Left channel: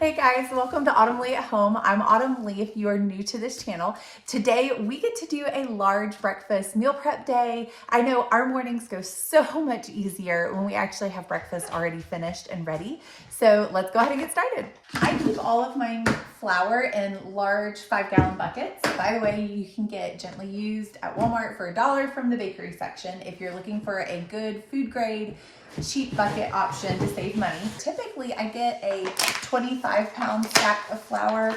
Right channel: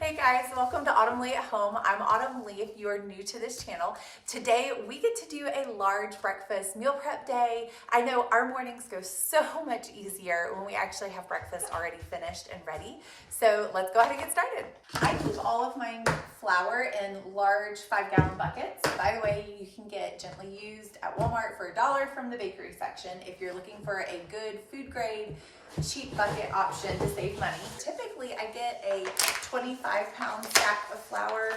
Hey guys, welcome to Autumn Leigh at Home. I'm Autumn Leigh if you are new to this channel. Today we get to do a large breakfast meal prep day. I know our mornings go so much easier when we actually have breakfast already finished and ready. So let's go ahead and get started. I keep all of my flour in large 5-gallon buckets. By the way, you can get gently used at Walmart for $1 from the bakery section if you're looking for a good food grade cheap bucket option to save money. Typically I get a 25-pound stack of flour,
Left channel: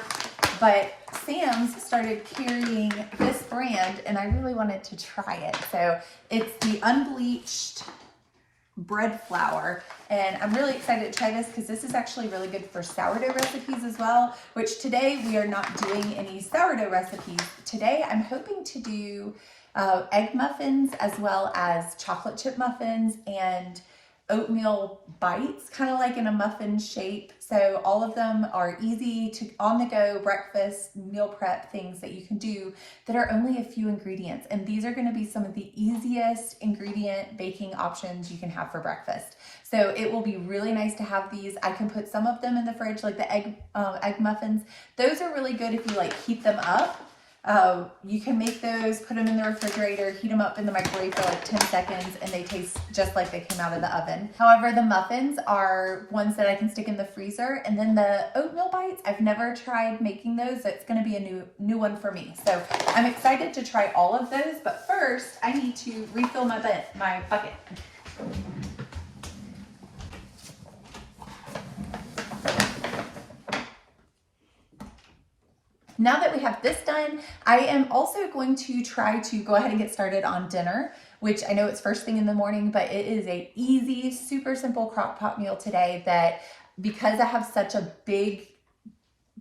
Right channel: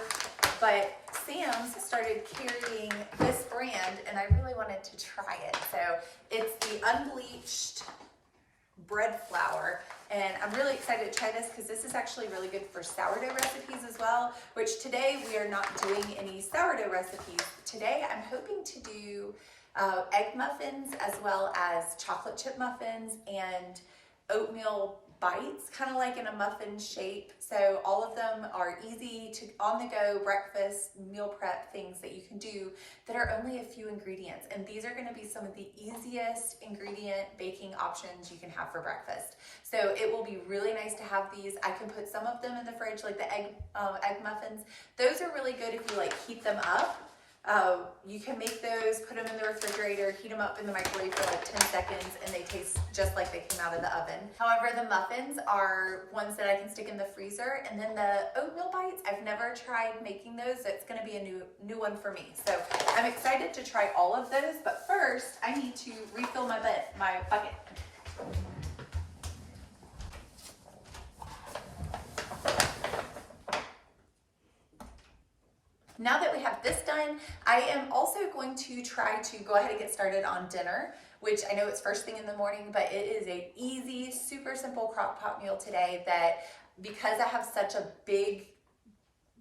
but Sam's started carrying this brand and I really wanted to try it. So it's the unbleached bread flour, and I'm really excited to try this because this is actually really good for sourdough recipes as well, which today we are not doing any sourdough recipes. Today I'm hoping to do egg muffins as well as chocolate chip muffins and oatmeal bites, kind of like in a muffin shape. So all of them are easy to on the go breakfast meal prep things that you can do that are only a few ingredients, and these are going to be some of the easiest ingredient baking options you can have for breakfast. So it will be really nice to have these. I can put some of them in the fridge, like the egg muffins. Those are really good if you like heat them up. You can make those, put them in the refrigerator, heat them up in the microwave for like 10 seconds, and they taste just like they came out of the oven. However, the muffins are ones that I can stick in the freezer, and then the oatmeal bites, I've never tried making those. That's going to be a new one for me. So I'm excited to try all of those, but first I need to refill my bucket. Now that we have this done, I am also going to try to go ahead and get started on dinner, which I know it's first thing in the morning, but it is a easy, super simple crock pot meal today that, because I have such a big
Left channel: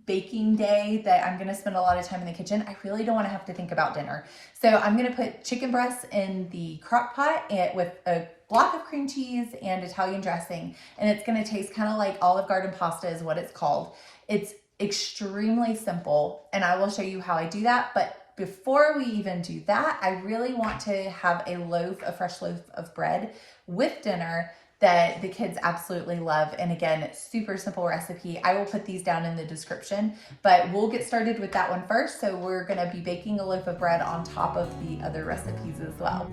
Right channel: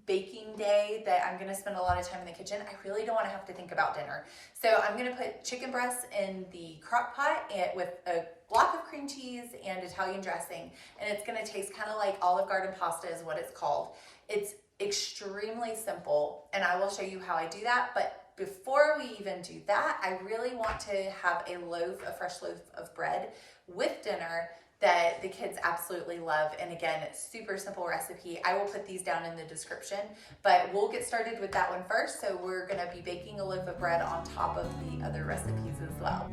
baking day that I'm gonna spend a lot of time in the kitchen, I really don't wanna have to think about dinner. So I'm gonna put chicken breasts in the crock pot with a block of cream cheese and Italian dressing, and it's gonna taste kind of like Olive Garden pasta is what it's called. It's extremely simple, and I will show you how I do that. But before we even do that, I really want to have a fresh loaf of bread with dinner that the kids absolutely love. And again, super simple recipe. I will put these down in the description, but we'll get started with that one first. So we're gonna be baking a loaf of bread on top of the other recipes as well.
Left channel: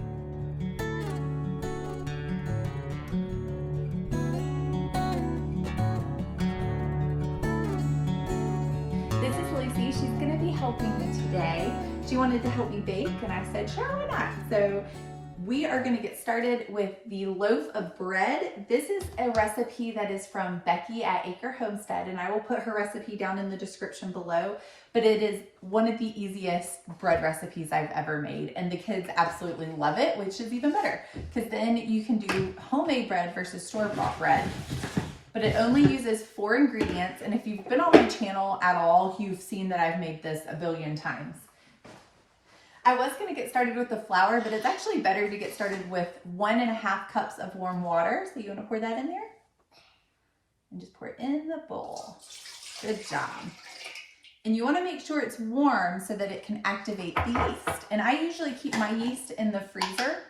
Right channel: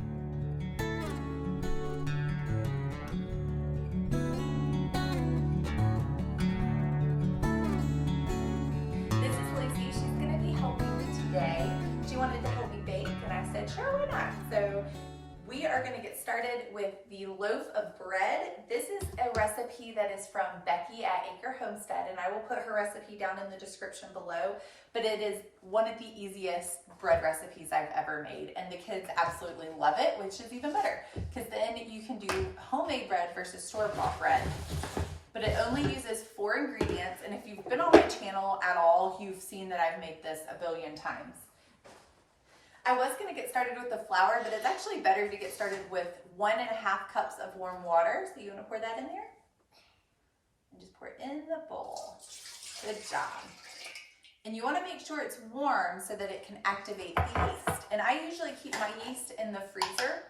She's gonna be helping me today. She wanted to help me bake, and I said, sure, why not? So we are gonna get started with the loaf of bread. This is a recipe that is from Becky at Acre Homestead, and I will put her recipe down in the description below, but it is one of the easiest bread recipes I've ever made, and the kids absolutely love it, which is even better, because then you can do homemade bread versus store-bought bread. But it only uses 4 ingredients, and if you've been on my channel at all, you've seen that I've made this a billion times. I was gonna get started with the flour, but it's actually better to get started with 1.5 cups of warm water. So you wanna pour that in there? And just pour it in the bowl. Good job. And you wanna make sure it's warm so that it can activate the yeast. And I usually keep my yeast in the freezer,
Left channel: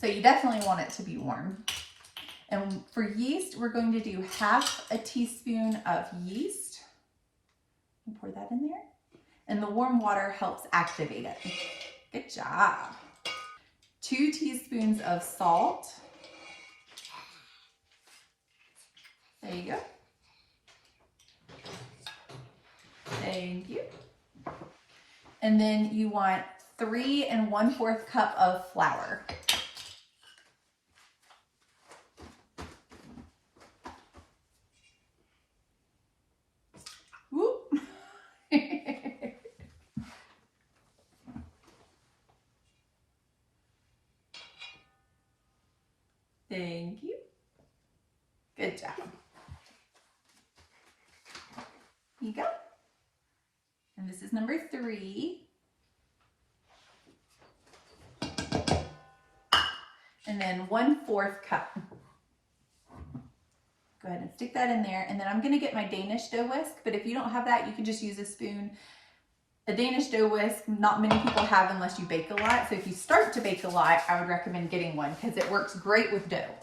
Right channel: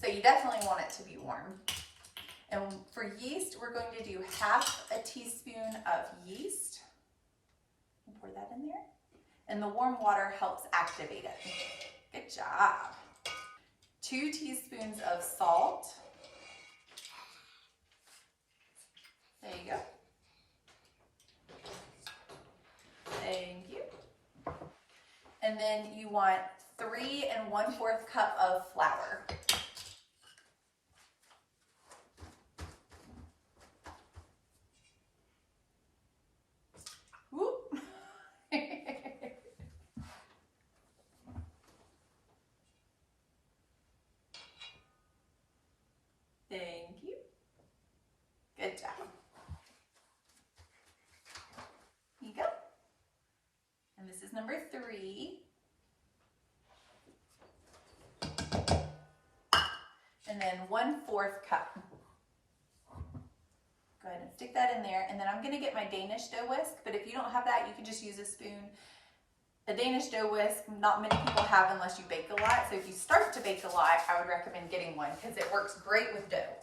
so you definitely want it to be warm. And for yeast, we're going to do 1/2 teaspoon of yeast. Pour that in there. And the warm water helps activate it. Good job. 2 teaspoons of salt. There you go. Thank you. And then you want 3 1/4 cup of flour. Thank you. Good job. Here you go. And this is number 3. And then 1/4 cup. Go ahead and stick that in there. And then I'm gonna get my Danish dough whisk, but if you don't have that, you can just use a spoon. A Danish dough whisk, not many people have unless you bake a lot. So if you start to bake a lot, I would recommend getting one because it works great with dough.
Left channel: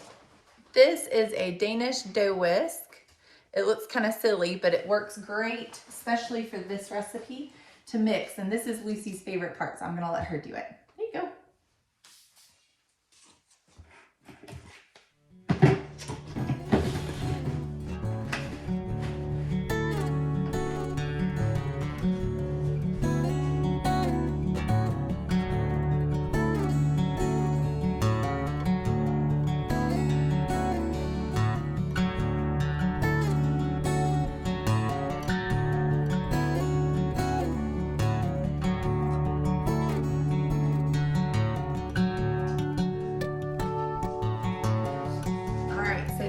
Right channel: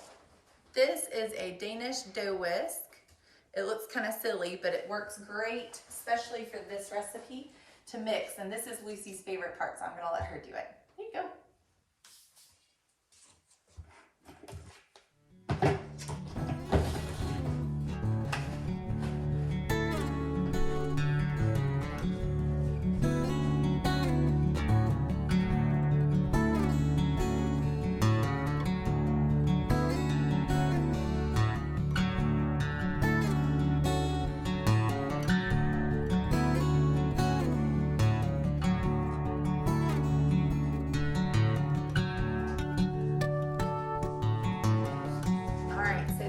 This is a Danish dough whisk. It looks kind of silly, but it works great, especially for this recipe, to mix. And this is Lucy's favorite part, so I'm gonna let her do it. There you go.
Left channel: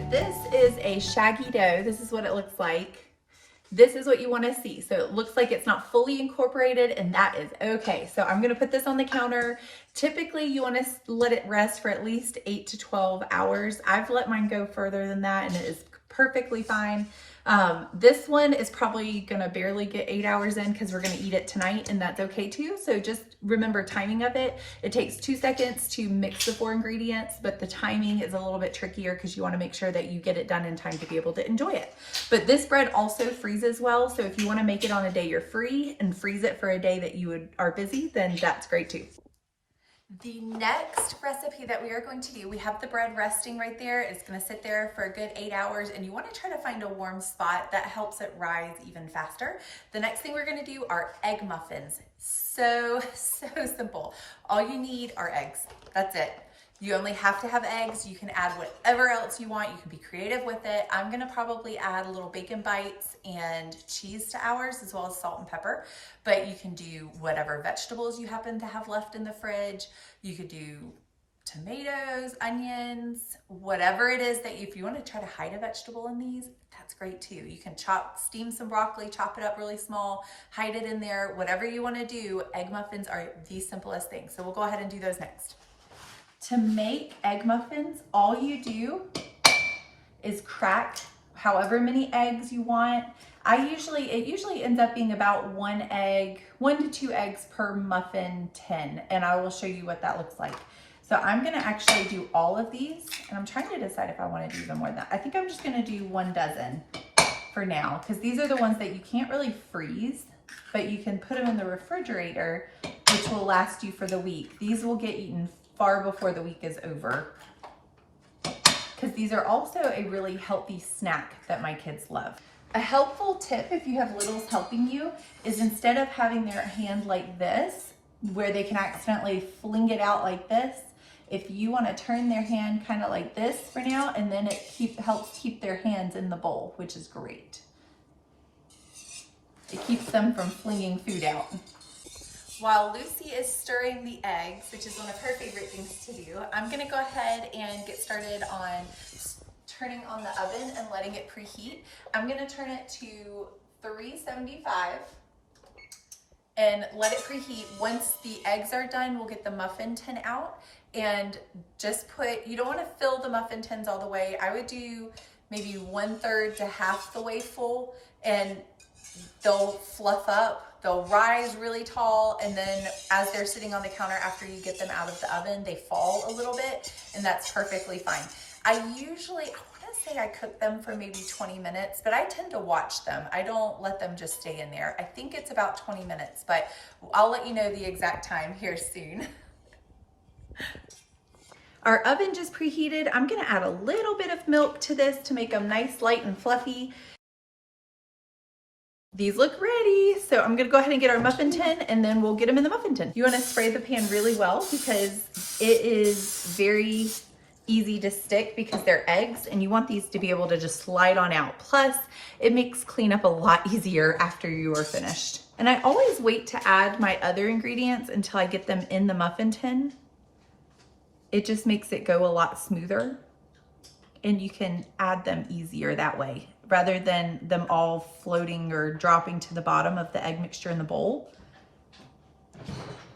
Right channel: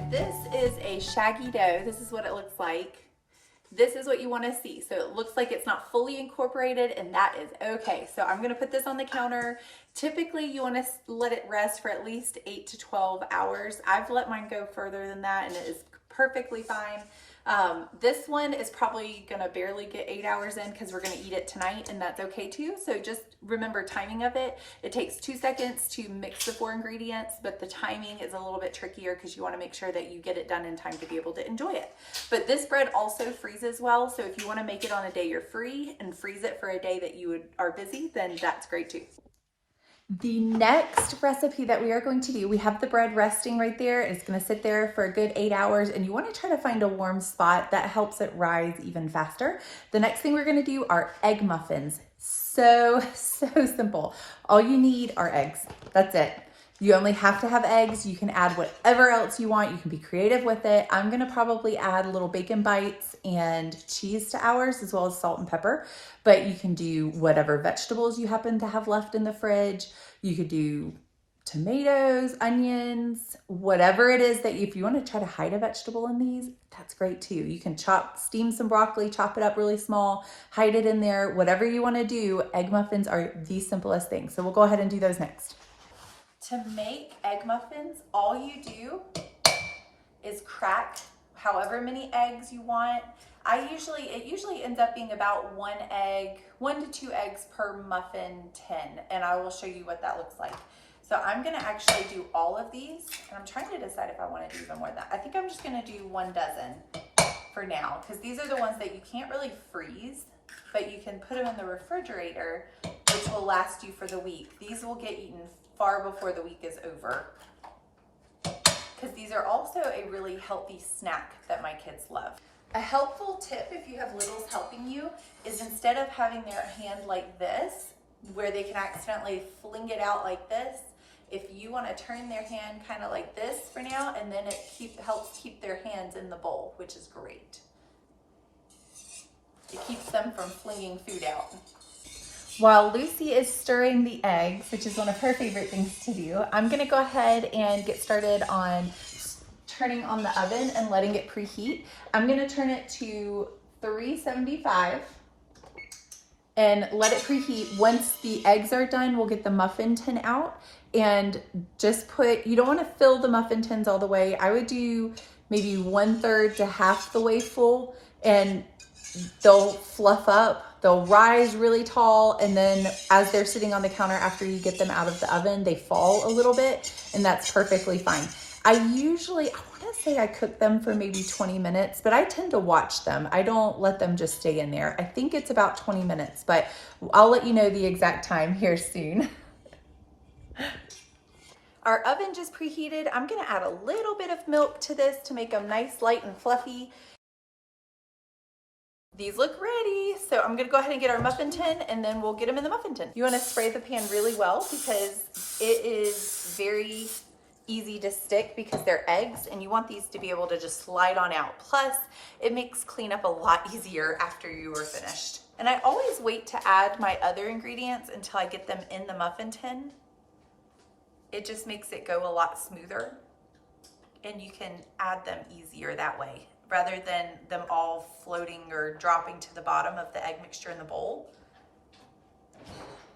This is a shaggy dough. This is what it looks like. This is what you want to see. So it looks like it's not fully incorporated, and that is okay. So I'm going to put this on the counter. Typically you want to let it rest for at least 8 to 12 hours. I've let mine go further than that, and it is perfectly fine. This one is probably gonna barely get 8 hours in because we're gonna eat it tonight, and that's okay too. So just remember timing of it. It takes 2 seconds to mix the 4 ingredients, but the timing is a little bit trickier because you wanna make sure that you get it done in time to be able to enjoy it. But this bread also freezes well. So if you wanna make it on a day you're free and freeze it for a day that you are busy, then that's great too. The next recipe that we are going to do, we have the bread resting right there. It's going to sit there for a good 8 hours, and you want to try to find a warm spot that helps it rise even faster. The next thing we're going to do are egg muffins. So simple. All you need are eggs. That's it. You only have to have eggs. You can add whatever else you want. You can be creative with it. I'm gonna probably add little bacon bites and cheese to ours, as well as salt and pepper, but you can do whatever vegetables you happen to have left in the fridge. You could do tomatoes, onions, whatever it is that if you want to try to hide a vegetable in these, that's great too. You can steam some broccoli, chop it up really small, hide it in there, whatever you want to do. Egg muffins are the simplest thing. So we'll go ahead and do those next. To make egg muffins, all you do is crack however many eggs you want. It usually ends up being about 1 to 2 eggs per muffin tin, and I will show you what that looks like. So I'm gonna actually do all of these, and I'm trying to decide if I wanna do even more than that. I think I'm just gonna do 1 dozen for now, because these are the ones that you can't really freeze, but you can put them in the refrigerator, which will last you for the week. These will get eaten far before the week is over, because these are also a really healthy snack that my kids love. A helpful tip if you have littles helping you is, instead of having their hand like this, where they can accidentally fling it out like this, if you want to turn their hand kind of like this for now, and then it helps keep their hands in the bowl, which is great. It keeps them from flinging food out. While Lucy is stirring the eggs, which is one of her favorite things to do, I'm gonna go ahead and get started on turning on the oven and letting it preheat. I'm gonna turn it to 375 and let it preheat. Once the eggs are done, we'll get the muffin tin out, and just you don't wanna fill the muffin tins all the way. I would do maybe 1/3 to half the way full, and they'll fluff up, they'll rise really tall, and then as they're sitting on the counter after you get them out of the oven, they fall a little bit, and that's perfectly fine. I wanna say I cook them for maybe 20 minutes, but I tend to watch them. I don't let them just stay in there. I think it's about 20 minutes, but I'll let you know the exact time here soon. Our oven just preheated. I'm gonna add a little bit of milk to this to make them nice, light, and fluffy. These look ready. So I'm gonna go ahead and get our muffin tin, and then we'll get them in the muffin tin. You wanna spray the pan really well, because it is very easy to stick because they're eggs, and you want these to be able to just slide on out. Plus, it makes cleanup a lot easier after you are finished. And I always wait to add my other ingredients until I get them in the muffin tin. It just makes it go a lot smoother, and you can add them easier that way, rather than them all floating or dropping to the bottom of the egg mixture in the bowl.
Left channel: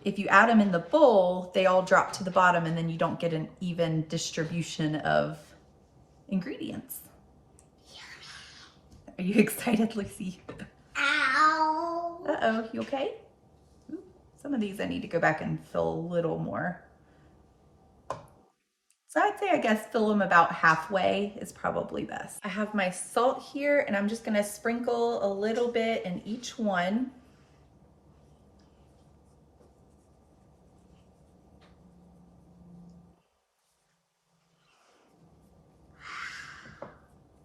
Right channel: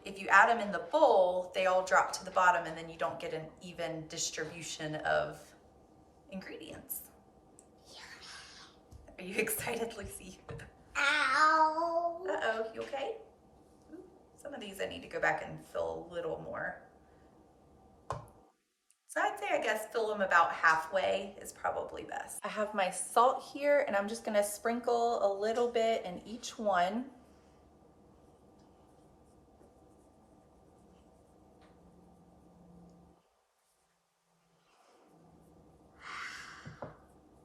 If you add them in the bowl, they all drop to the bottom, and then you don't get an even distribution of ingredients. Are you excited, Lucy? Ow! Uh-oh, you okay? Some of these I need to go back and fill a little more. So I'd say, I guess, fill them about halfway is probably best. I have my salt here, and I'm just gonna sprinkle a little bit in each one.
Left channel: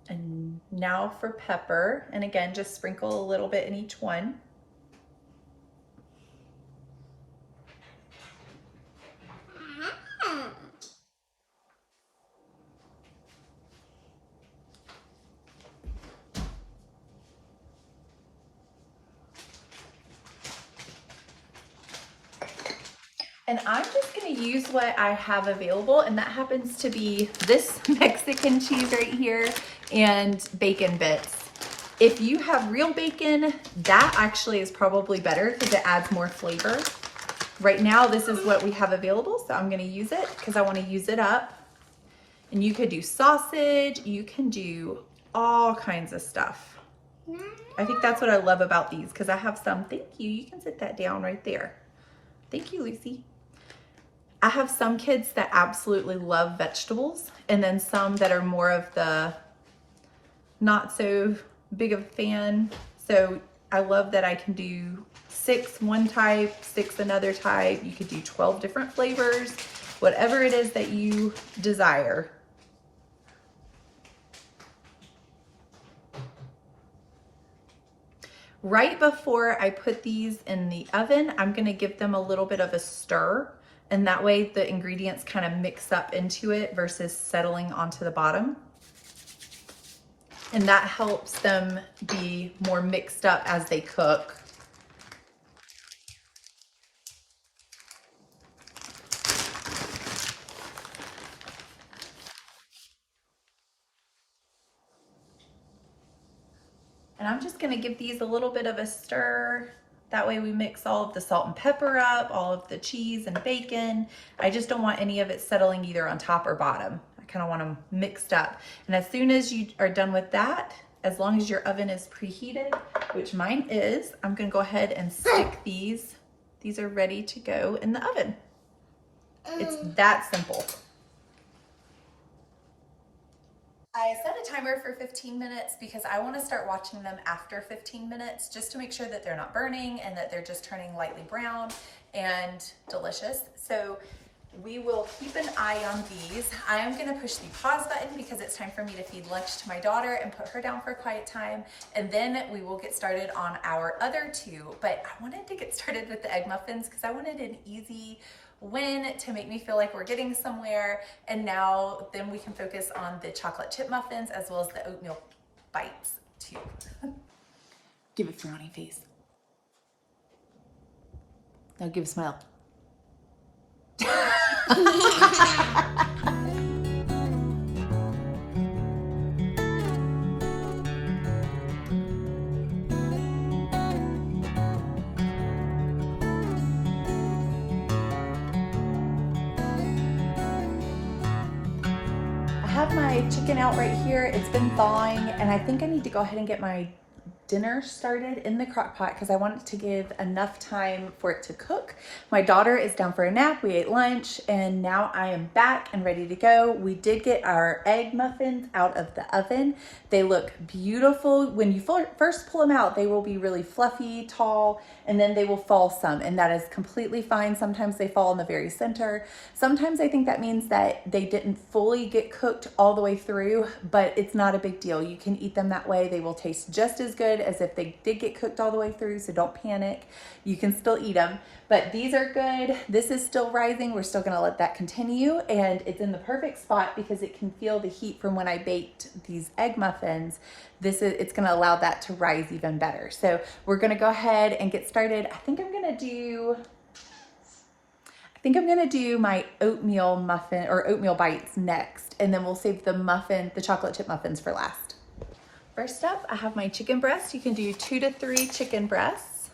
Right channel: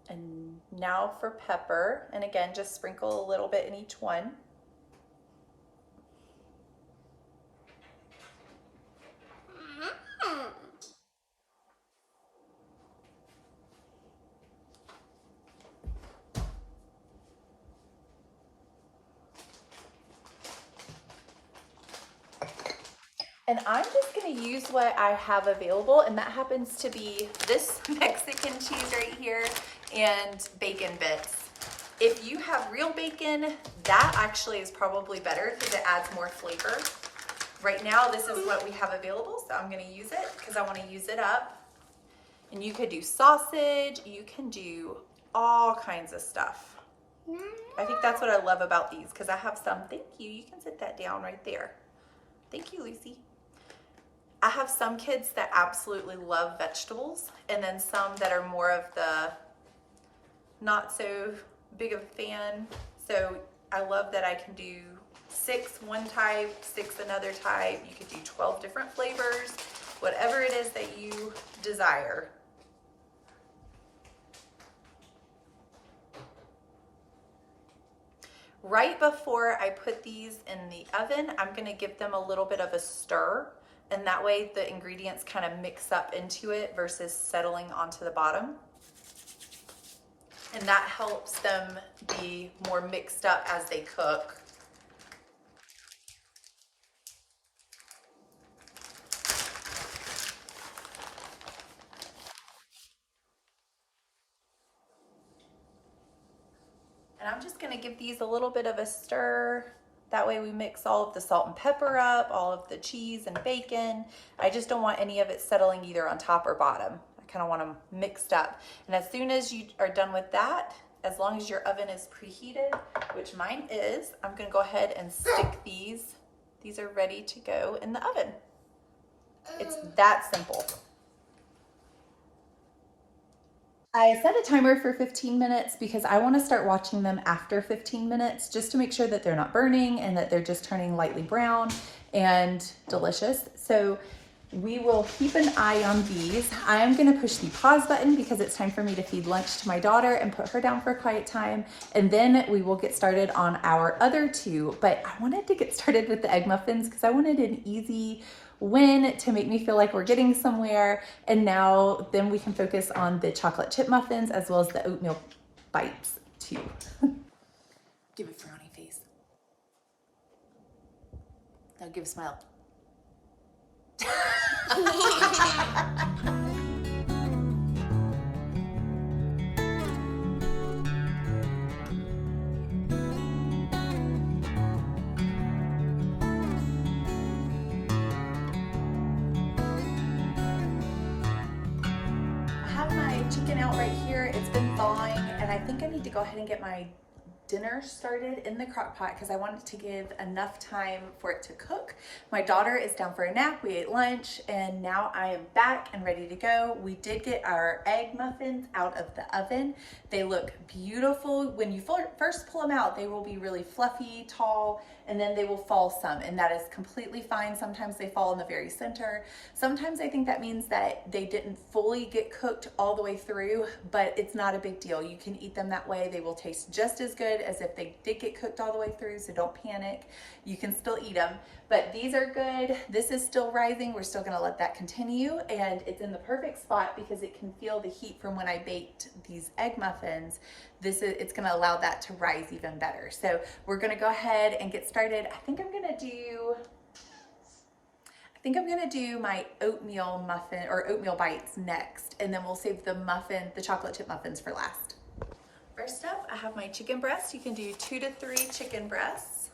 And now for pepper, and again, just sprinkle a little bit in each one. And I'm just gonna use what I have available, and that happens to be this Mexican cheese right here and bacon bits. If you have real bacon, that actually is probably better because it adds more flavor. Right now, this is what we have available, so I'm gonna use it because I wanna use it up. And you could do sausage, you can do all kinds of stuff. I think that's what I love about these because I have some, thank you, you can sit that down right there. Thank you, Lucy. I have some kids that absolutely love vegetables, and then some that are more of the not so big of a fan. So I love that I can do 6 one type, 6 another type. You could do 12 different flavors, whatever it is that you desire. Right before I put these in the oven, I'm gonna give them a little bit of a stir, and that way the ingredients kind of mix up into it versus settling onto the bottom. And that helps them be more mixed up as they cook. And I'm just gonna give these a little bit of a stir. That way we mix all of the salt and pepper up, all of the cheese and bacon. I just don't want any of it settling either on top or bottom. I kind of want them mixed up. And as soon as you are done with that, as long as your oven is preheated, which mine is, I'm gonna go ahead and stick these. These are ready to go in the oven. It's that simple. I set a timer for 15 minutes because I want to start watching them after 15 minutes just to make sure that they're not burning and that they're just turning lightly brown and delicious. So we will keep an eye on these. I am going to push the pause button because it's time for me to feed lunch to my daughter and put her down for a quiet time. And then we will get started on our other 2. But I wanted to get started with the egg muffins because I wanted an easy win to make me feel like we're getting somewhere. And now then we can focus on the chocolate chip muffins as well as the oatmeal bites too. Give a frowny face. Now give a smile. My chicken out right here. It's been thawing, and I think I need to go ahead and get my dinner started in the crock pot because I want it to give enough time for it to cook. My daughter is down for a nap. We ate lunch, and now I am back and ready to go. We did get our egg muffins out of the oven. They look beautiful. When you first pull them out, they will be really fluffy, tall, and then they will fall some, and that is completely fine. Sometimes they fall in the very center. Sometimes I think that means that they didn't fully get cooked all the way through, but it's not a big deal. You can eat them that way. They will taste just as good as if they did get cooked all the way through, so don't panic. You can still eat them, but these are good. This is still rising. We're still gonna let that continue, and it's in the perfect spot because it can feel the heat from when I baked these egg muffins. It's gonna allow that to rise even better. So we're gonna go ahead and get started. I think I'm gonna do my oatmeal muffin or oatmeal bites next, and then we'll save the chocolate chip muffins for last. First up, I have my chicken breast. You can do 2 to 3 chicken breasts.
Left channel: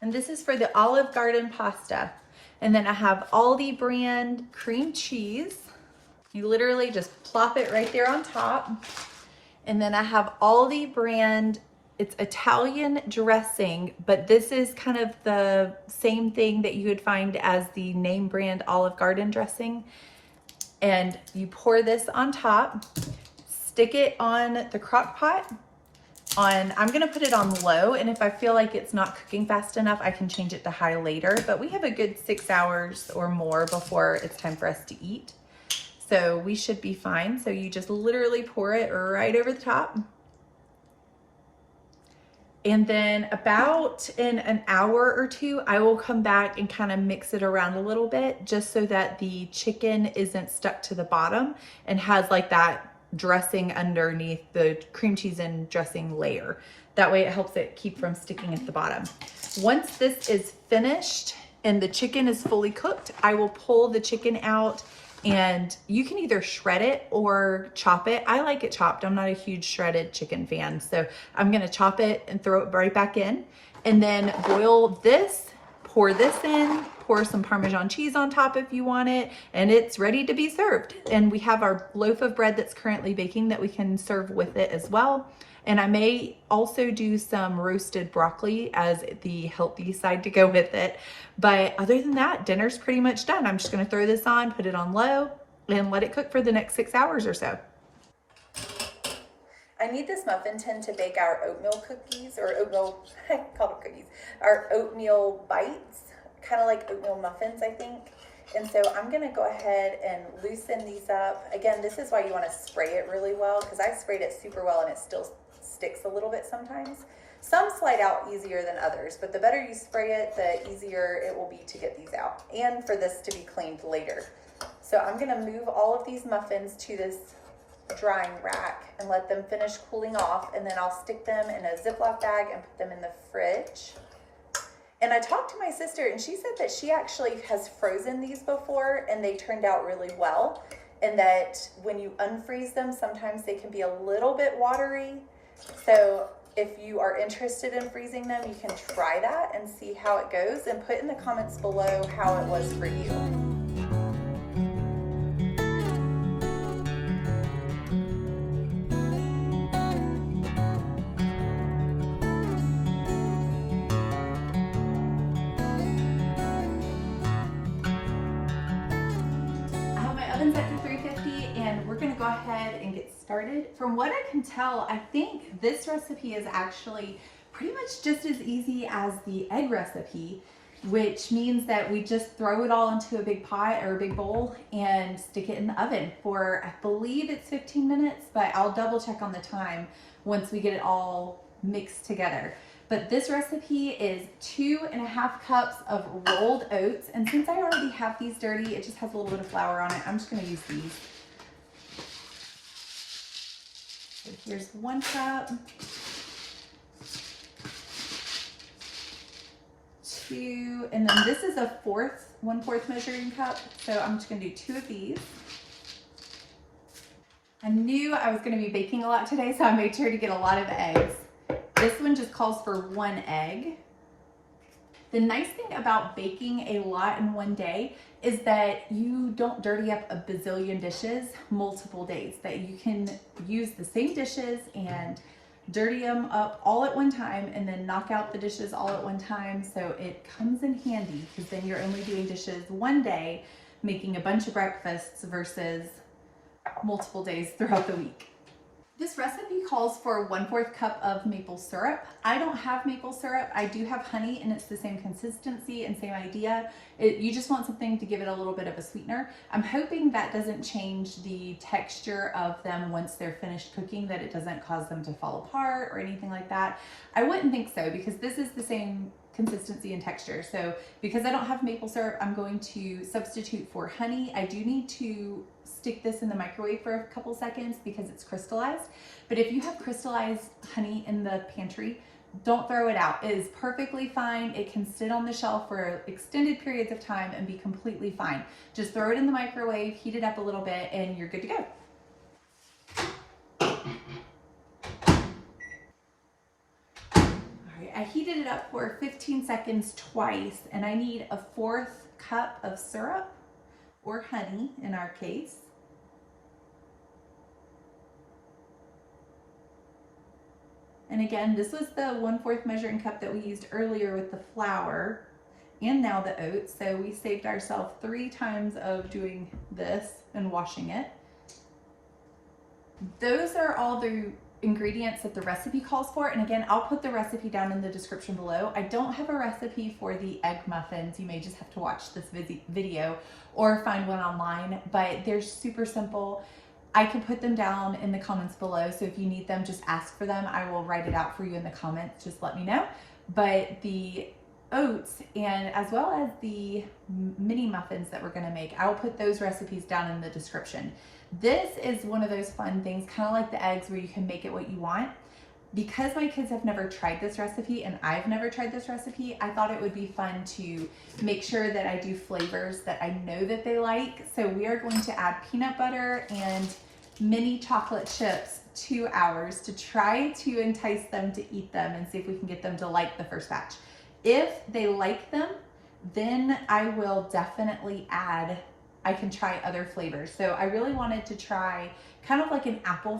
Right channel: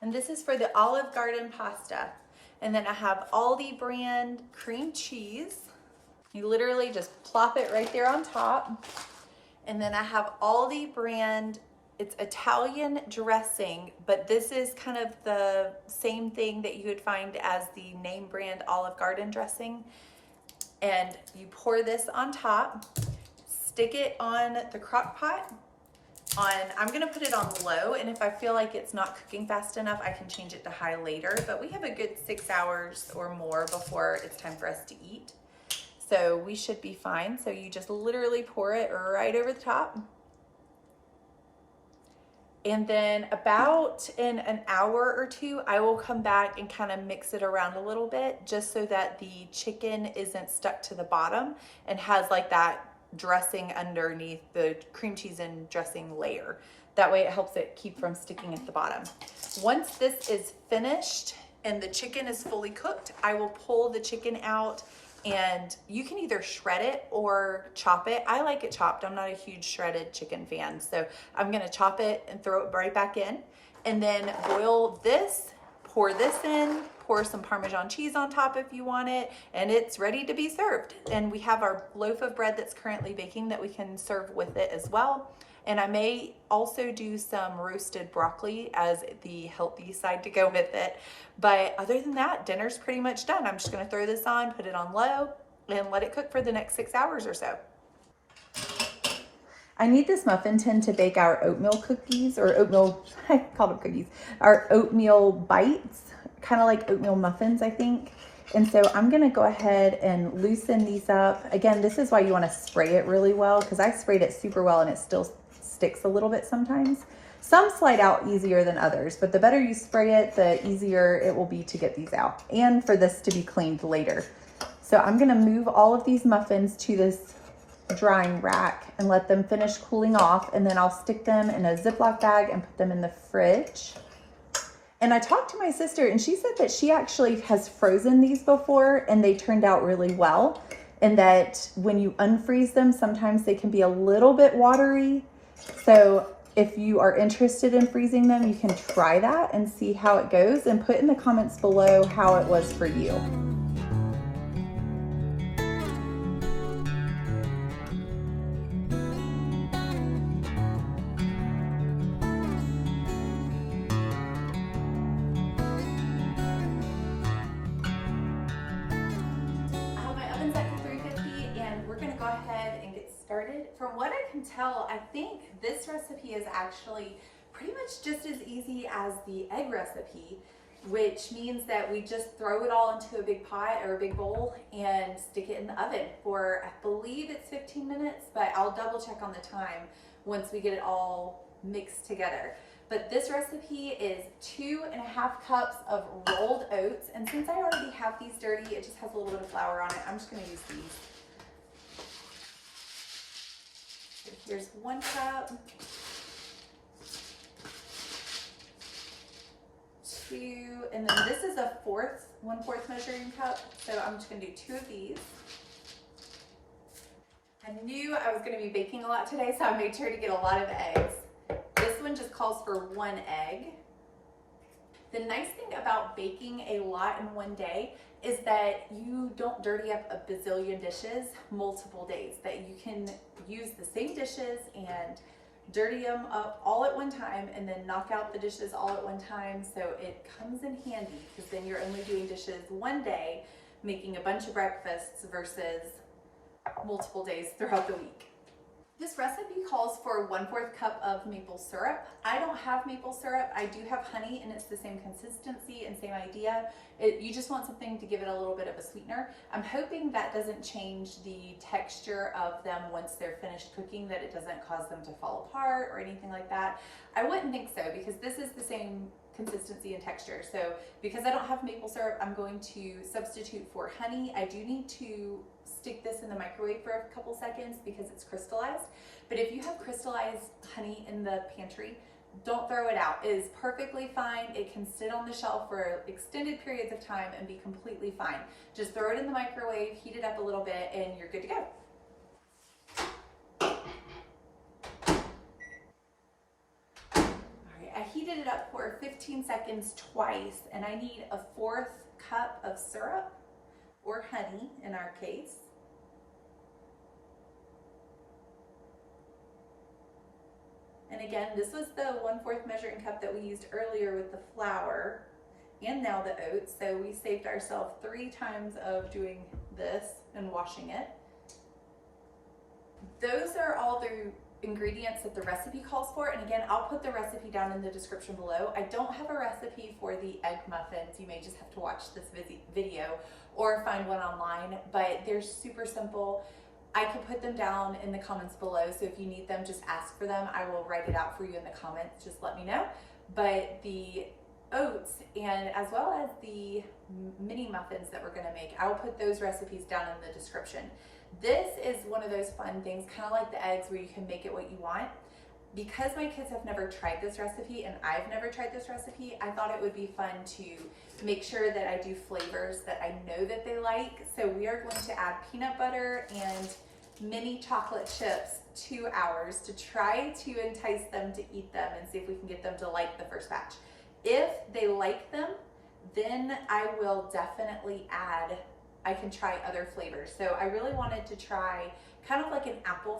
And this is for the Olive Garden pasta. And then I have Aldi brand cream cheese. You literally just plop it right there on top. And then I have Aldi brand, it's Italian dressing, but this is kind of the same thing that you would find as the name brand Olive Garden dressing. And you pour this on top, stick it on the crock pot. I'm gonna put it on low, and if I feel like it's not cooking fast enough, I can change it to high later, but we have a good 6 hours or more before it's time for us to eat. So we should be fine. So you just literally pour it right over the top. And then about in an hour or two, I will come back and kind of mix it around a little bit just so that the chicken isn't stuck to the bottom and has like that dressing underneath the cream cheese and dressing layer. That way it helps it keep from sticking at the bottom. Once this is finished and the chicken is fully cooked, I will pull the chicken out, and you can either shred it or chop it. I like it chopped. I'm not a huge shredded chicken fan. So I'm gonna chop it and throw it right back in, and then boil this, pour this in, pour some Parmesan cheese on top if you want it, and it's ready to be served. And we have our loaf of bread that's currently baking that we can serve with it as well. And I may also do some roasted broccoli as the healthy side to go with it. But other than that, dinner's pretty much done. I'm just gonna throw this on, put it on low, and let it cook for the next 6 hours or so. I need this muffin tin to bake our oatmeal cookies, or oatmeal, I call them cookies, our oatmeal bites, kind of like oatmeal muffins, I think. And so I'm gonna go ahead and loosen these up. Again, this is why you wanna spray it really well, because I sprayed it super well and it still sticks a little bit sometimes. Some slide out easier than others, but the better you spray it, the easier it will be to get these out and for this to be cleaned later. So I'm gonna move all of these muffins to this drying rack and let them finish cooling off, and then I'll stick them in a Ziploc bag and put them in the fridge. And I talked to my sister and she said that she actually has frozen these before and they turned out really well, and that when you unfreeze them, sometimes they can be a little bit watery. So if you are interested in freezing them, you can try that and see how it goes, and put in the comments below how it was for you. Started. From what I can tell, I think this recipe is actually pretty much just as easy as the egg recipe, which means that we just throw it all into a big pot or a big bowl and stick it in the oven for, I believe it's 15 minutes, but I'll double check on the time once we get it all mixed together. But this recipe is 2.5 cups of rolled oats, and since I already have these dirty, it just has a little bit of flour on it, I'm just going to use these. So here's 1 cup, 2, and then this is a 1/4 measuring cup. So I'm just gonna do 2 of these. I knew I was gonna be baking a lot today, so I made sure to get a lot of eggs. This one just calls for 1 egg. The nice thing about baking a lot in one day is that you don't dirty up a bazillion dishes multiple days, that you can use the same dishes and dirty them up all at one time and then knock out the dishes all at one time. So it comes in handy, because then you're only doing dishes one day, making a bunch of breakfasts versus multiple days throughout the week. This recipe calls for 1/4 cup of maple syrup. I don't have maple syrup. I do have honey, and it's the same consistency and same idea. You just want something to give it a little bit of a sweetener. I'm hoping that doesn't change the texture of them once they're finished cooking, that it doesn't cause them to fall apart or anything like that. I wouldn't think so, because this is the same consistency and texture. So because I don't have maple syrup, I'm going to substitute for honey. I do need to stick this in the microwave for a couple seconds because it's crystallized. But if you have crystallized honey in the pantry, don't throw it out. It is perfectly fine. It can sit on the shelf for extended periods of time and be completely fine. Just throw it in the microwave, heat it up a little bit, and you're good to go. I heated it up for 15 seconds twice, and I need a 1/4 cup of syrup, or honey in our case. And again, this was the 1/4 measuring cup that we used earlier with the flour. and now the oats. So we saved ourselves 3 times of doing this and washing it. Those are all the ingredients that the recipe calls for. And again, I'll put the recipe down in the description below. I don't have a recipe for the egg muffins. You may just have to watch this video or find one online, but they're super simple. I can put them down in the comments below. So if you need them, just ask for them. I will write it out for you in the comments. Just let me know. But the oats and as well as the mini muffins that we're going to make, I will put those recipes down in the description. This is one of those fun things, kind of like the eggs, where you can make it what you want. Because my kids have never tried this recipe and I've never tried this recipe, I thought it would be fun to make sure that I do flavors that I know that they like. So we are going to add peanut butter and mini chocolate chips to ours to try to entice them to eat them and see if we can get them to like the first batch. If they like them, then I will definitely add, I can try other flavors. So I really wanted to try kind of like an apple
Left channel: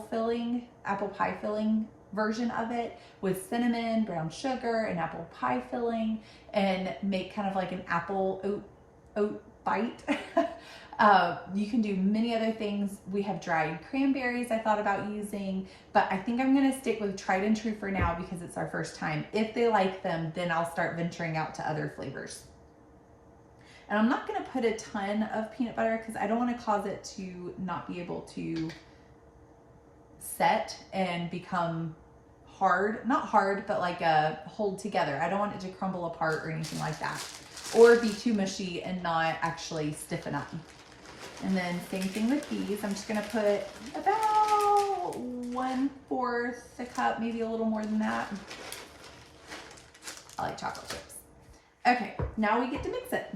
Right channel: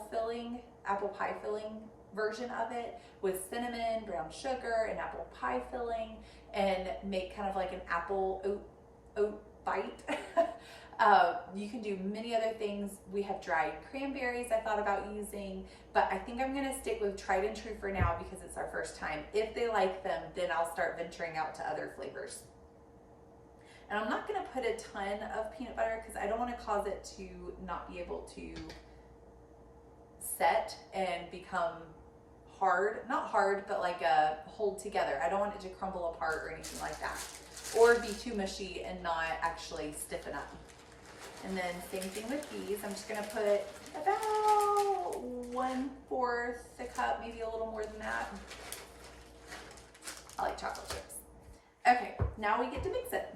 pie filling version of it with cinnamon, brown sugar, and apple pie filling, and make kind of like an apple oat bite. You can do many other things. We have dried cranberries I thought about using, but I think I'm gonna stick with tried and true for now because it's our first time. If they like them, then I'll start venturing out to other flavors. And I'm not gonna put a ton of peanut butter because I don't wanna cause it to not be able to set and become hard, not hard, but like hold together. I don't want it to crumble apart or anything like that, or be too mushy and not actually stiffen up. And then same thing with these. I'm just gonna put about 1/4 a cup, maybe a little more than that. I like chocolate chips. Okay, now we get to mix it.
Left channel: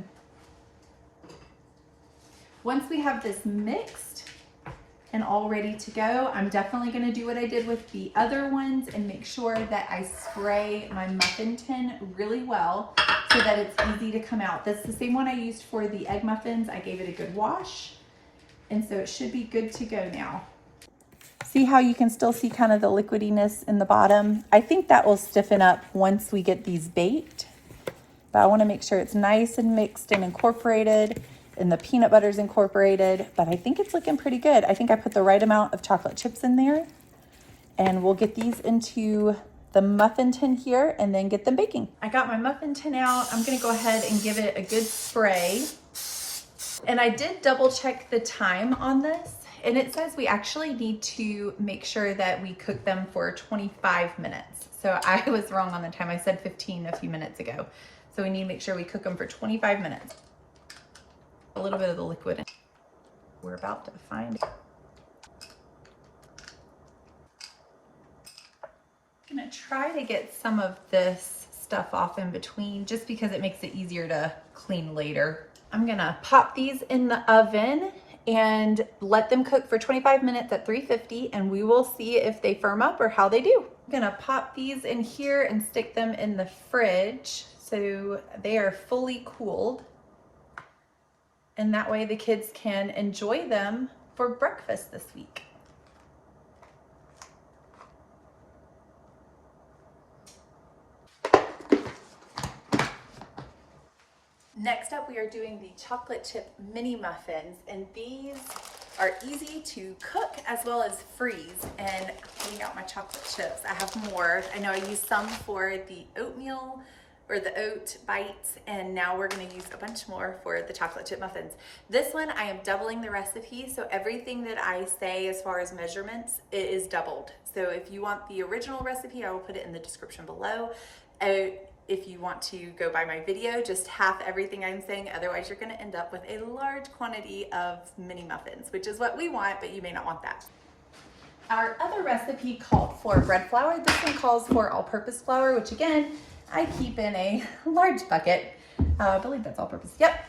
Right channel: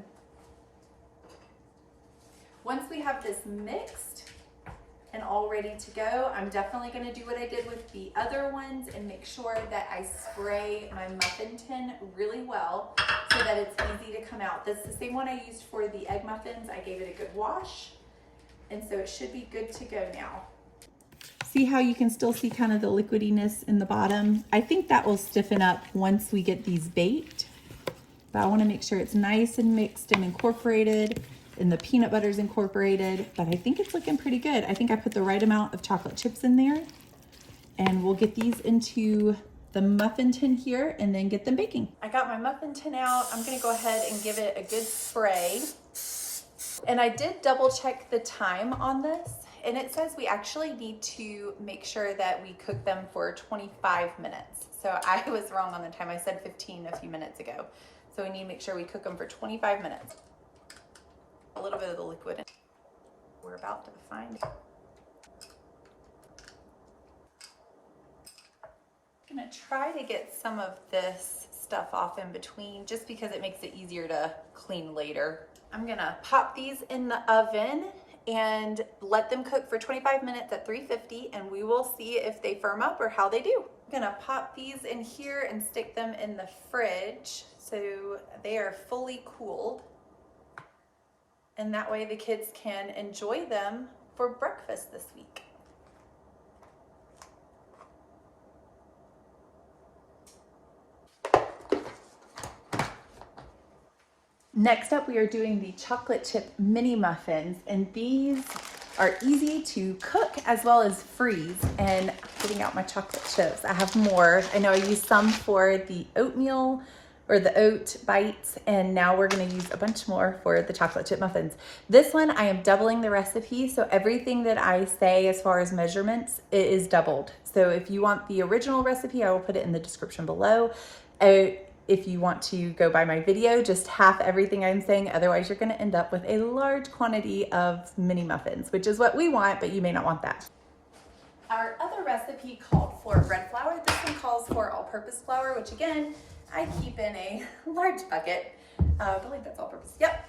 Once we have this mixed and all ready to go, I'm definitely gonna do what I did with the other ones and make sure that I spray my muffin tin really well so that it's easy to come out. That's the same one I used for the egg muffins. I gave it a good wash, and so it should be good to go now. See how you can still see kind of the liquidiness in the bottom? I think that will stiffen up once we get these baked, but I wanna make sure it's nice and mixed and incorporated, and the peanut butter's incorporated, but I think it's looking pretty good. I think I put the right amount of chocolate chips in there, and we'll get these into the muffin tin here and then get them baking. I got my muffin tin out. I'm gonna go ahead and give it a good spray. And I did double check the time on this, and it says we actually need to make sure that we cook them for 25 minutes. So I was wrong on the time. I said 15 a few minutes ago. So we need to make sure we cook them for 25 minutes. A little bit of the liquid. We're about to find it. I'm gonna try to get some of this stuff off in between just because it makes it easier to clean later. I'm gonna pop these in the oven and let them cook for 25 minutes at 350, and we will see if they firm up or how they do. I'm gonna pop these in here and stick them in the fridge so they are fully cooled. And that way the kids can enjoy them for breakfast this week. Next up, we are doing the chocolate chip mini muffins, and these are easy to cook as well as freeze. And getting out my chocolate chips, I have more. I know I used some for the oatmeal or the oat bites, and now we're gonna use a bunch more for the chocolate chip muffins. This one, I am doubling the recipe, so everything that I say as far as measurements, it is doubled. So if you want the original recipe, I will put it in the description below. If you want to go by my video, just half everything I'm saying, otherwise you're gonna end up with a large quantity of mini muffins, which is what we want, but you may not want that. Our other recipe called for bread flour. This one calls for all-purpose flour, which again, I keep in a large bucket. I believe that's all purpose. Yep.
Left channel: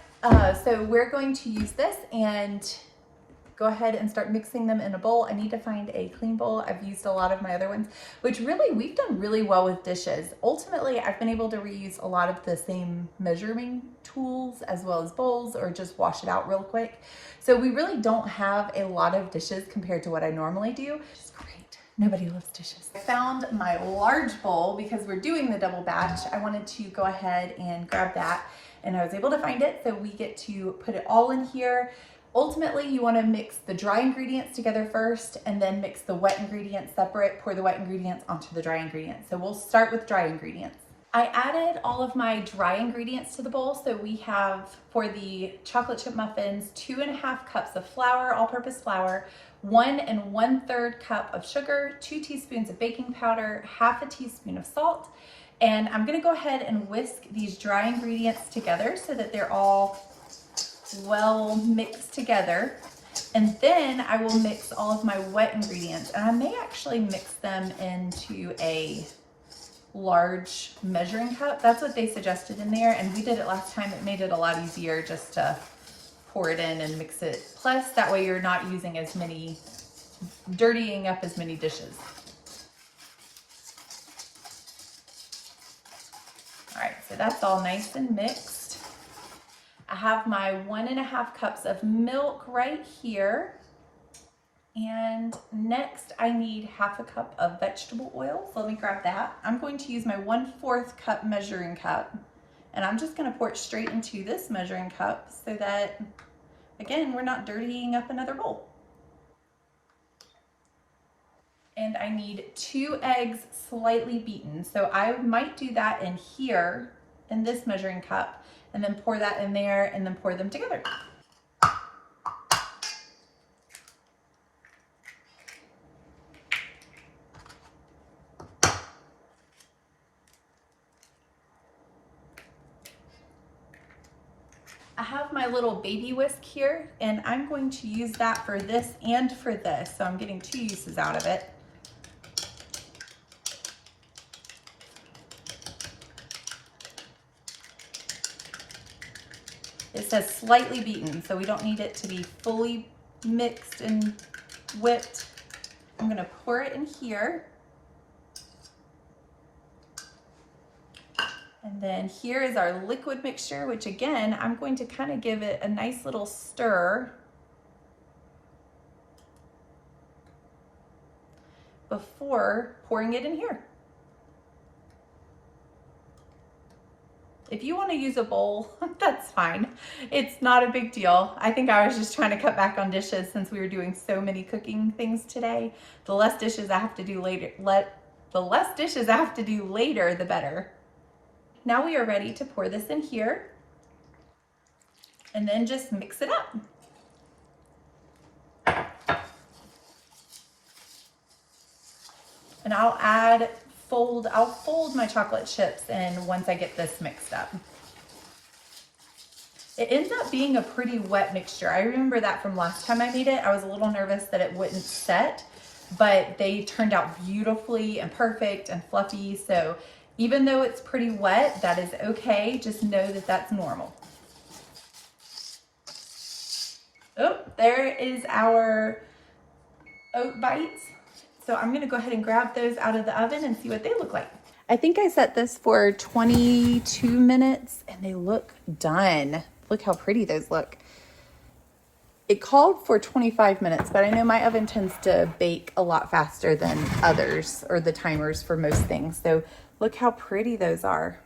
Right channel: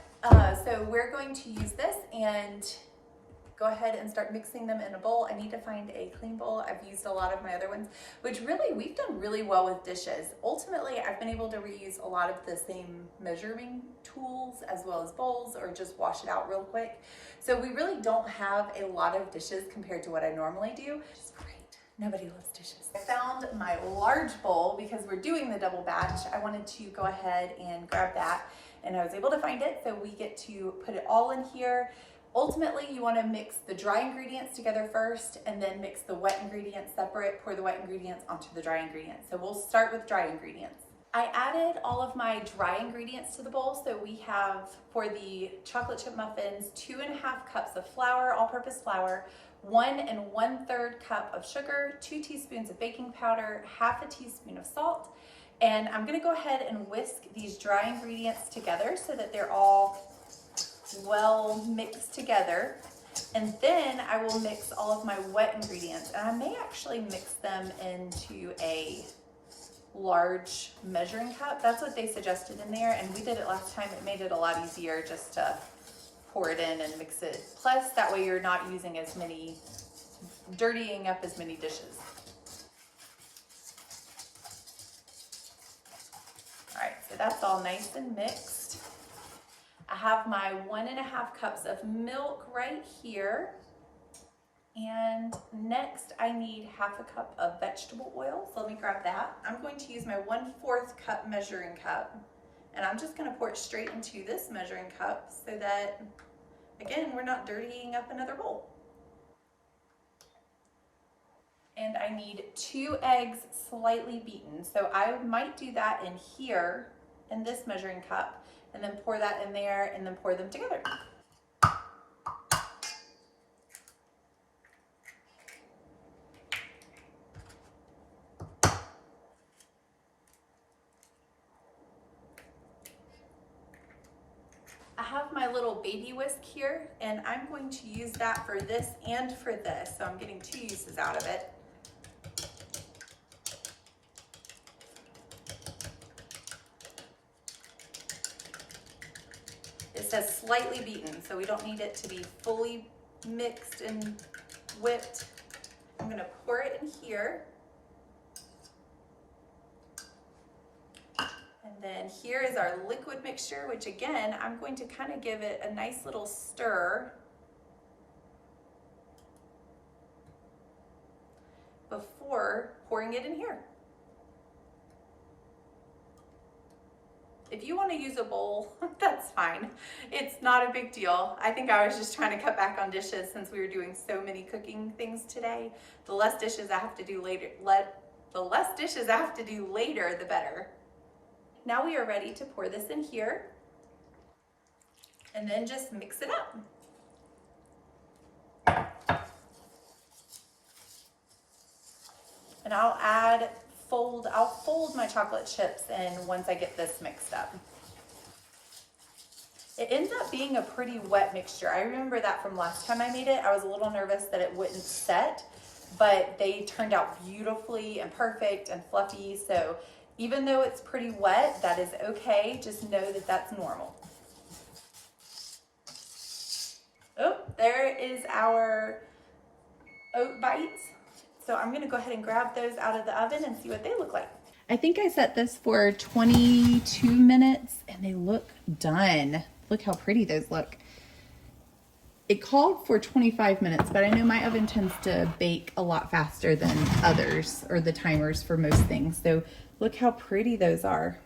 So we're going to use this and go ahead and start mixing them in a bowl. I need to find a clean bowl. I've used a lot of my other ones, which really we've done really well with dishes. Ultimately, I've been able to reuse a lot of the same measuring tools as well as bowls, or just wash it out real quick. So we really don't have a lot of dishes compared to what I normally do, which is great. Nobody loves dishes. I found my large bowl because we're doing the double batch. I wanted to go ahead and grab that. and I was able to find it. So we get to put it all in here. Ultimately, you want to mix the dry ingredients together first and then mix the wet ingredients separate. Pour the wet ingredients onto the dry ingredients. So we'll start with dry ingredients. I added all of my dry ingredients to the bowl. So we have, for the chocolate chip muffins, 2.5 cups of flour, all-purpose flour, 1 1/3 cup of sugar, 2 teaspoons of baking powder, 1/2 teaspoon of salt. And I'm gonna go ahead and whisk these dry ingredients together so that they're all well mixed together. And then I will mix all of my wet ingredients. And I may actually mix them into a large measuring cup. That's what they suggested in there, and we did it last time. It made it a lot easier just to pour it in and mix it. Plus, that way you're not using as many, dirtying up as many dishes. All right, so that's all nice and mixed. I have my 1.5 cups of milk right here. And next I need 1/2 cup of vegetable oil. So let me grab that. I'm going to use my 1/4 cup measuring cup, and I'm just gonna pour it straight into this measuring cup so that, again, we're not dirtying up another bowl. And I need 2 eggs slightly beaten. So I might do that in here in this measuring cup and then pour that in there and then pour them together. I have my little baby whisk here, and I'm going to use that for this and for this. So I'm getting 2 uses out of it. It says slightly beaten, so we don't need it to be fully mixed and whipped. I'm gonna pour it in here. And then here is our liquid mixture, which again, I'm going to kind of give it a nice little stir before pouring it in here. If you want to use a bowl, that's fine. It's not a big deal. I think I was just trying to cut back on dishes since we were doing so many cooking things today. The less dishes I have to do later, the better. Now we are ready to pour this in here and then just mix it up. And I'll fold my chocolate chips in once I get this mixed up. It ends up being a pretty wet mixture. I remember that from last time I made it. I was a little nervous that it wouldn't set, but they turned out beautifully and perfect and fluffy. So even though it's pretty wet, that is okay. Just know that that's normal. Oh, there is our oat bites. So I'm gonna go ahead and grab those out of the oven and see what they look like. I think I set this for 22 minutes and they look done. Look how pretty those look. It called for 25 minutes, but I know my oven tends to bake a lot faster than others, or the timers for most things. So look how pretty those are.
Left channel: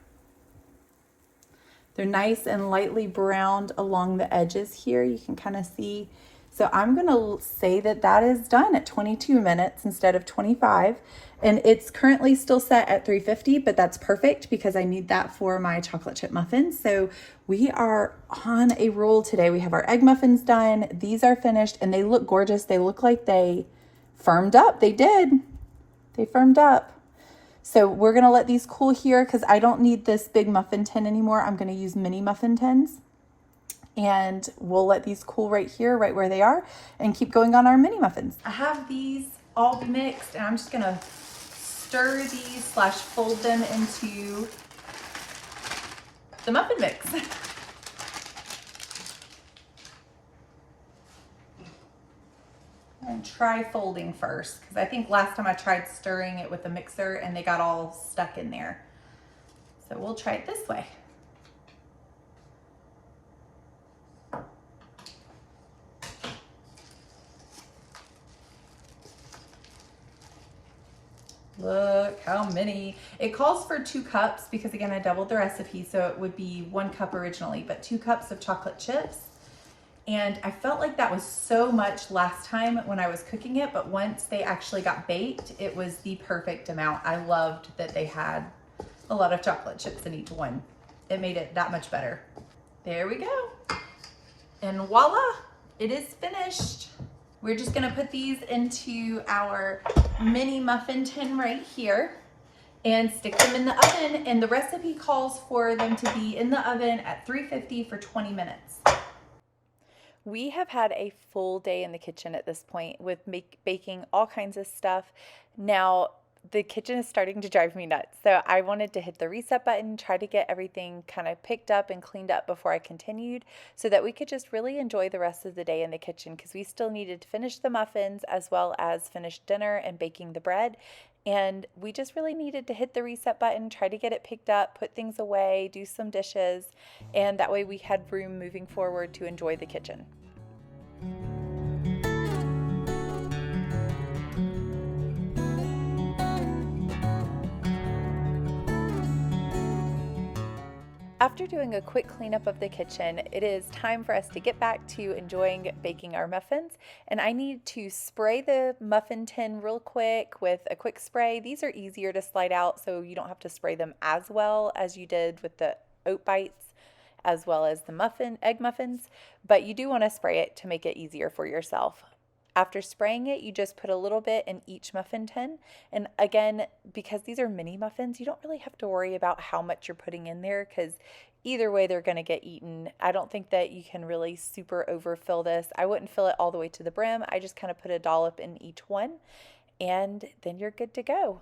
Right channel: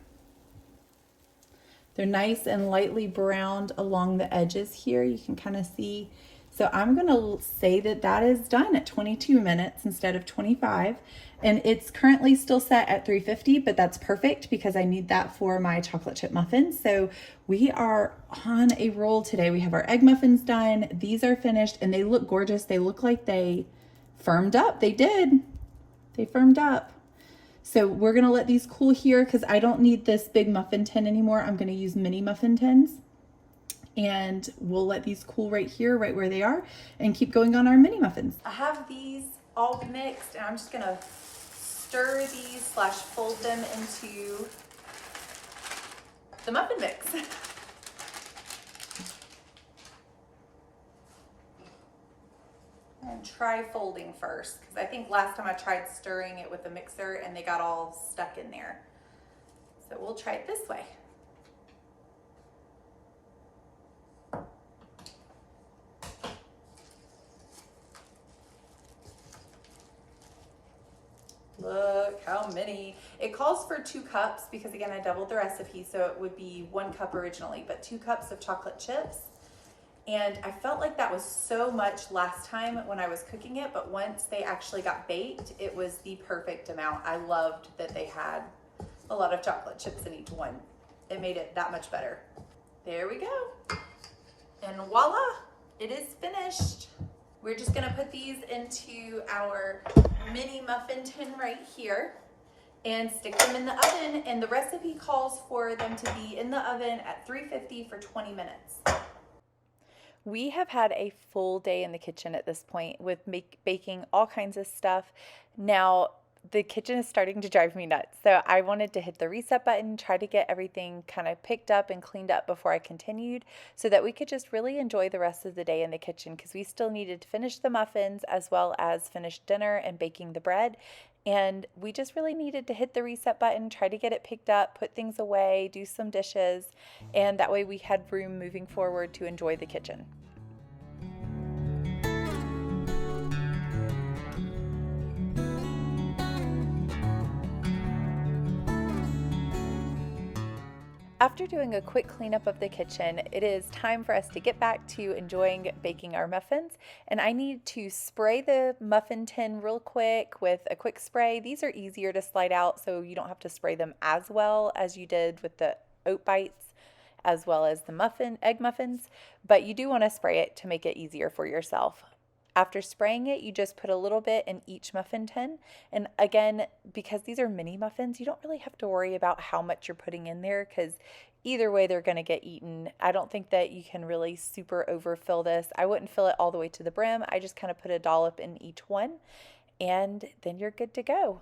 They're nice and lightly browned along the edges here. You can kind of see. So I'm gonna say that that is done at 22 minutes instead of 25. And it's currently still set at 350, but that's perfect because I need that for my chocolate chip muffins. So we are on a roll today. We have our egg muffins done. These are finished and they look gorgeous. They look like they firmed up. They did. They firmed up. So we're gonna let these cool here because I don't need this big muffin tin anymore. I'm gonna use mini muffin tins. And we'll let these cool right here, right where they are, and keep going on our mini muffins. I have these all mixed and I'm just gonna stir these / fold them into the muffin mix. And try folding first, because I think last time I tried stirring it with a mixer and they got all stuck in there. So we'll try it this way. Look how many. It calls for 2 cups because again, I doubled the recipe. So it would be 1 cup originally, but 2 cups of chocolate chips. And I felt like that was so much last time when I was cooking it, but once they actually got baked, it was the perfect amount. I loved that they had a lot of chocolate chips in each one. It made it that much better. There we go. And voila, it is finished. We're just gonna put these into our mini muffin tin right here and stick them in the oven. And the recipe calls for them to be in the oven at 350 for 20 minutes. We have had a full day in the kitchen at this point with baking all kinds of stuff. Now, the kitchen is starting to drive me nuts. So I wanted to hit the reset button, try to get everything kind of picked up and cleaned up before I continued so that we could just really enjoy the rest of the day in the kitchen because we still needed to finish the muffins as well as finish dinner and baking the bread. And we just really needed to hit the reset button, try to get it picked up, put things away, do some dishes, and that way we had room moving forward to enjoy the kitchen. After doing a quick cleanup of the kitchen, it is time for us to get back to enjoying baking our muffins. And I need to spray the muffin tin real quick with a quick spray. These are easier to slide out, so you don't have to spray them as well as you did with the oat bites as well as the egg muffins, but you do want to spray it to make it easier for yourself. After spraying it, you just put a little bit in each muffin tin. And again, because these are mini muffins, you don't really have to worry about how much you're putting in there because either way they're going to get eaten. I don't think that you can really super overfill this. I wouldn't fill it all the way to the brim. I just kind of put a dollop in each one and then you're good to go.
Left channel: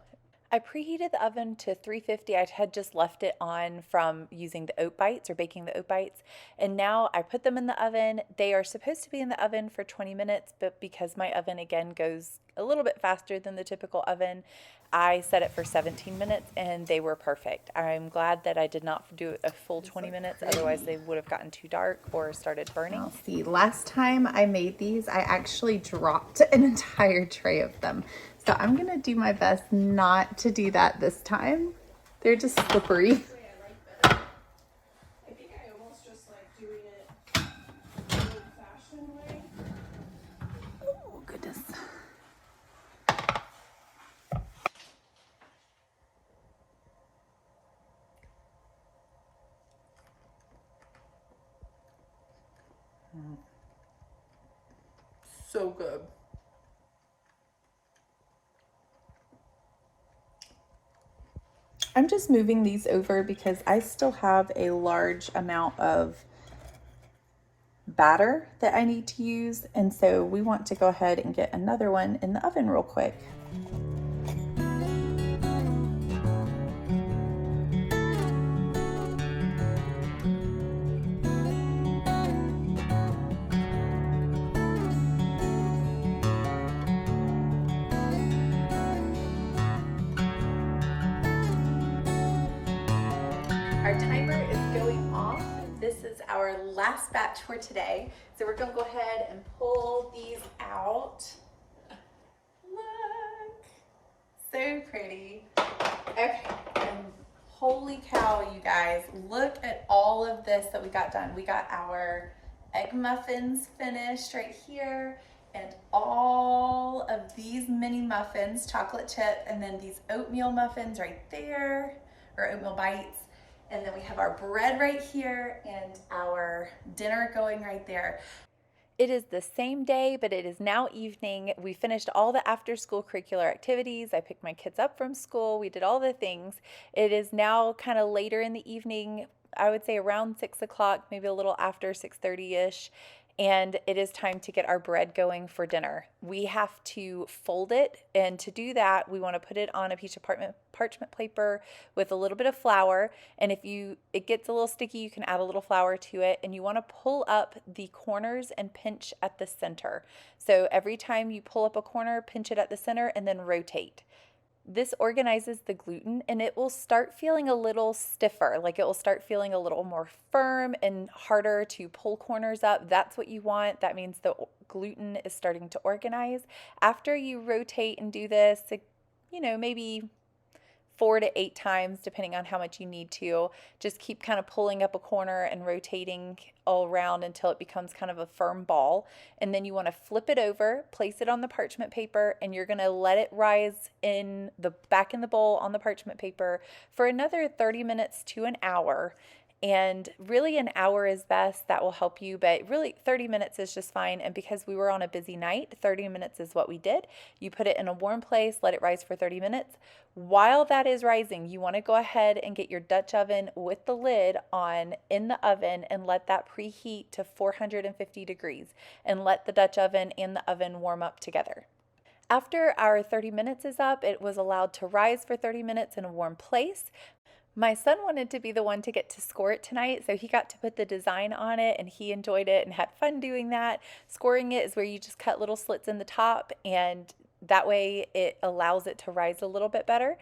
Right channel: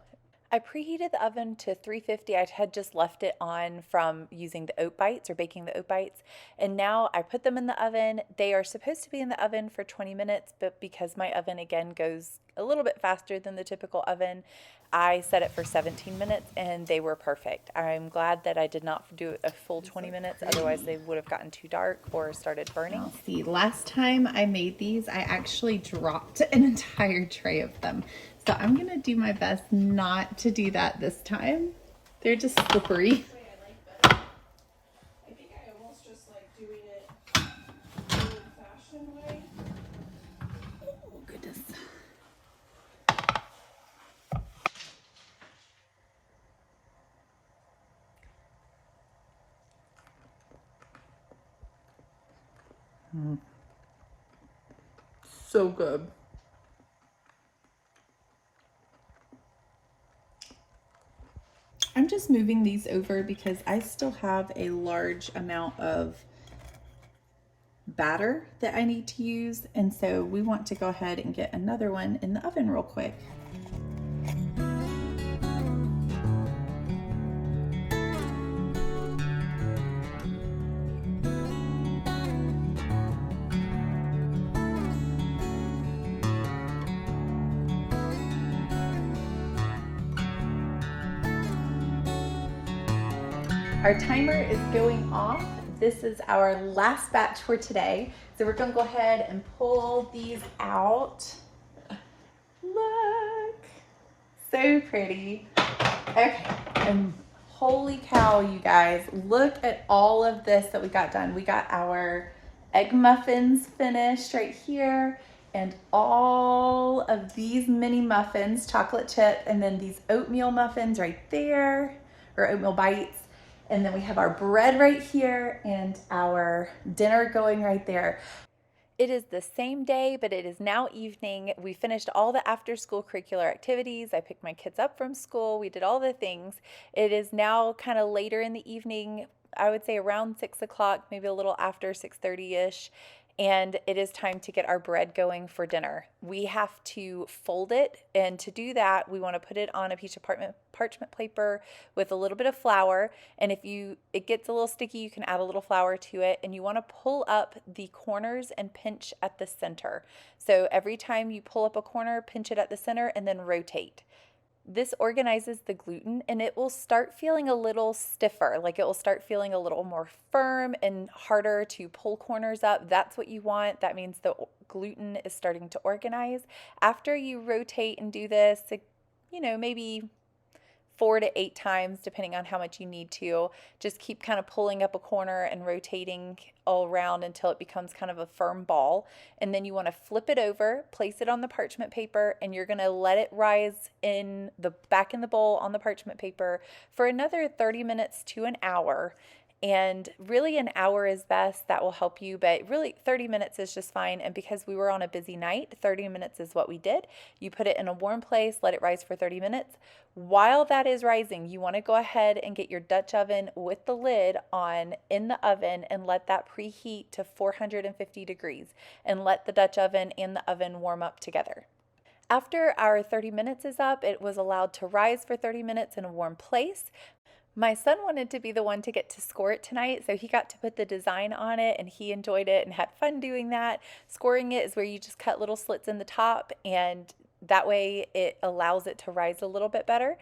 I preheated the oven to 350. I had just left it on from using the oat bites or baking the oat bites. And now I put them in the oven. They are supposed to be in the oven for 20 minutes, but because my oven again goes a little bit faster than the typical oven, I set it for 17 minutes and they were perfect. I'm glad that I did not do a full 20 minutes. Otherwise they would have gotten too dark or started burning. Let's see, last time I made these, I actually dropped an entire tray of them. So I'm gonna do my best not to do that this time. They're just slippery. I think I almost just like doing it the old-fashioned way. Oh, goodness. So good. I'm just moving these over because I still have a large amount of batter that I need to use, and so we want to go ahead and get another one in the oven real quick. Our timer is going off. This is our last batch for today. So we're gonna go ahead and pull these out. Look, so pretty. Okay, and holy cow, you guys, look at all of this that we got done. We got our egg muffins finished right here, and all of these mini muffins, chocolate chip, and then these oatmeal muffins right there, or oatmeal bites. And then we have our bread right here and our dinner going right there. It is the same day, but it is now evening. We finished all the after school curricular activities. I picked my kids up from school. We did all the things. It is now kind of later in the evening. I would say around 6 o'clock, maybe a little after 6:30-ish. And it is time to get our bread going for dinner. We have to fold it, and to do that, we want to put it on a piece of parchment paper with a little bit of flour, and if it gets a little sticky, you can add a little flour to it, and you want to pull up the corners and pinch at the center. So every time you pull up a corner, pinch it at the center, and then rotate. This organizes the gluten and it will start feeling a little stiffer, like it will start feeling a little more firm and harder to pull corners up. That's what you want. That means the gluten is starting to organize. After you rotate and do this maybe 4 to 8 times, depending on how much you need to. Just keep kind of pulling up a corner and rotating all around until it becomes kind of a firm ball. And then you want to flip it over, place it on the parchment paper, and you're going to let it rise back in the bowl on the parchment paper for another 30 minutes to an hour. And really an hour is best. That will help you, but really 30 minutes is just fine. And because we were on a busy night, 30 minutes is what we did. You put it in a warm place, let it rise for 30 minutes. While that is rising, you want to go ahead and get your Dutch oven with the lid on in the oven and let that preheat to 450 degrees and let the Dutch oven and the oven warm up together. After our 30 minutes is up, it was allowed to rise for 30 minutes in a warm place. My son wanted to be the one to get to score it tonight, so he got to put the design on it and he enjoyed it and had fun doing that. Scoring it is where you just cut little slits in the top, and that way it allows it to rise a little bit better.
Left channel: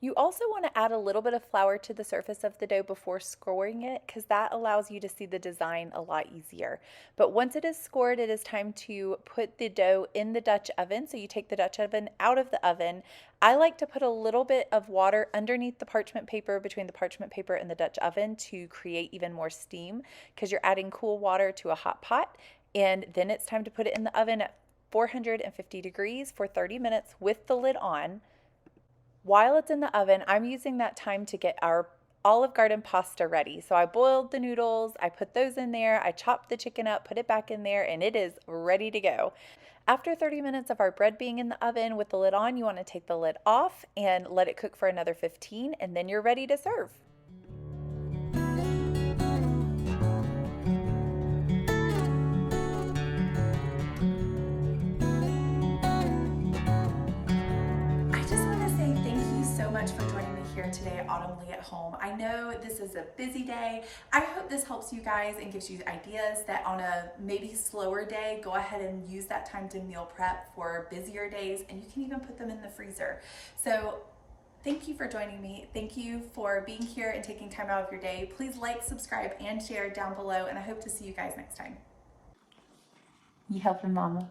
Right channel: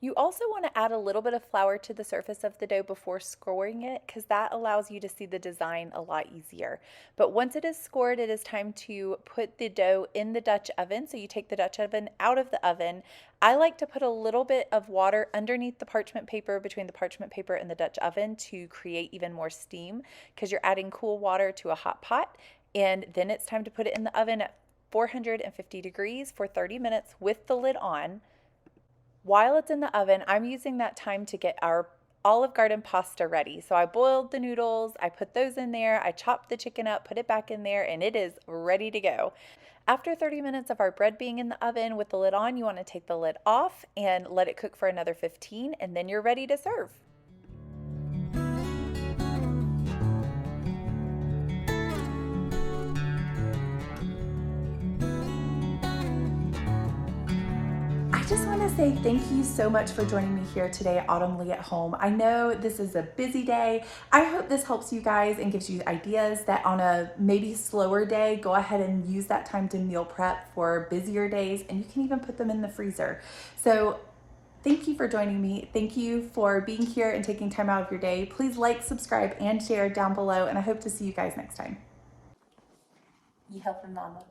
You also want to add a little bit of flour to the surface of the dough before scoring it, because that allows you to see the design a lot easier. But once it is scored, it is time to put the dough in the Dutch oven. So you take the Dutch oven out of the oven. I like to put a little bit of water underneath the parchment paper, between the parchment paper and the Dutch oven, to create even more steam, because you're adding cool water to a hot pot. And then it's time to put it in the oven at 450 degrees for 30 minutes with the lid on. While it's in the oven, I'm using that time to get our Olive Garden pasta ready. So I boiled the noodles, I put those in there, I chopped the chicken up, put it back in there, and it is ready to go. After 30 minutes of our bread being in the oven with the lid on, you want to take the lid off and let it cook for another 15, and then you're ready to serve. Say thank you so much for joining me here today at Autumn Leigh at Home. I know this is a busy day. I hope this helps you guys and gives you ideas that on a maybe slower day, go ahead and use that time to meal prep for busier days, and you can even put them in the freezer. So thank you for joining me. Thank you for being here and taking time out of your day. Please like, subscribe, and share down below, and I hope to see you guys next time. You helping, Mama?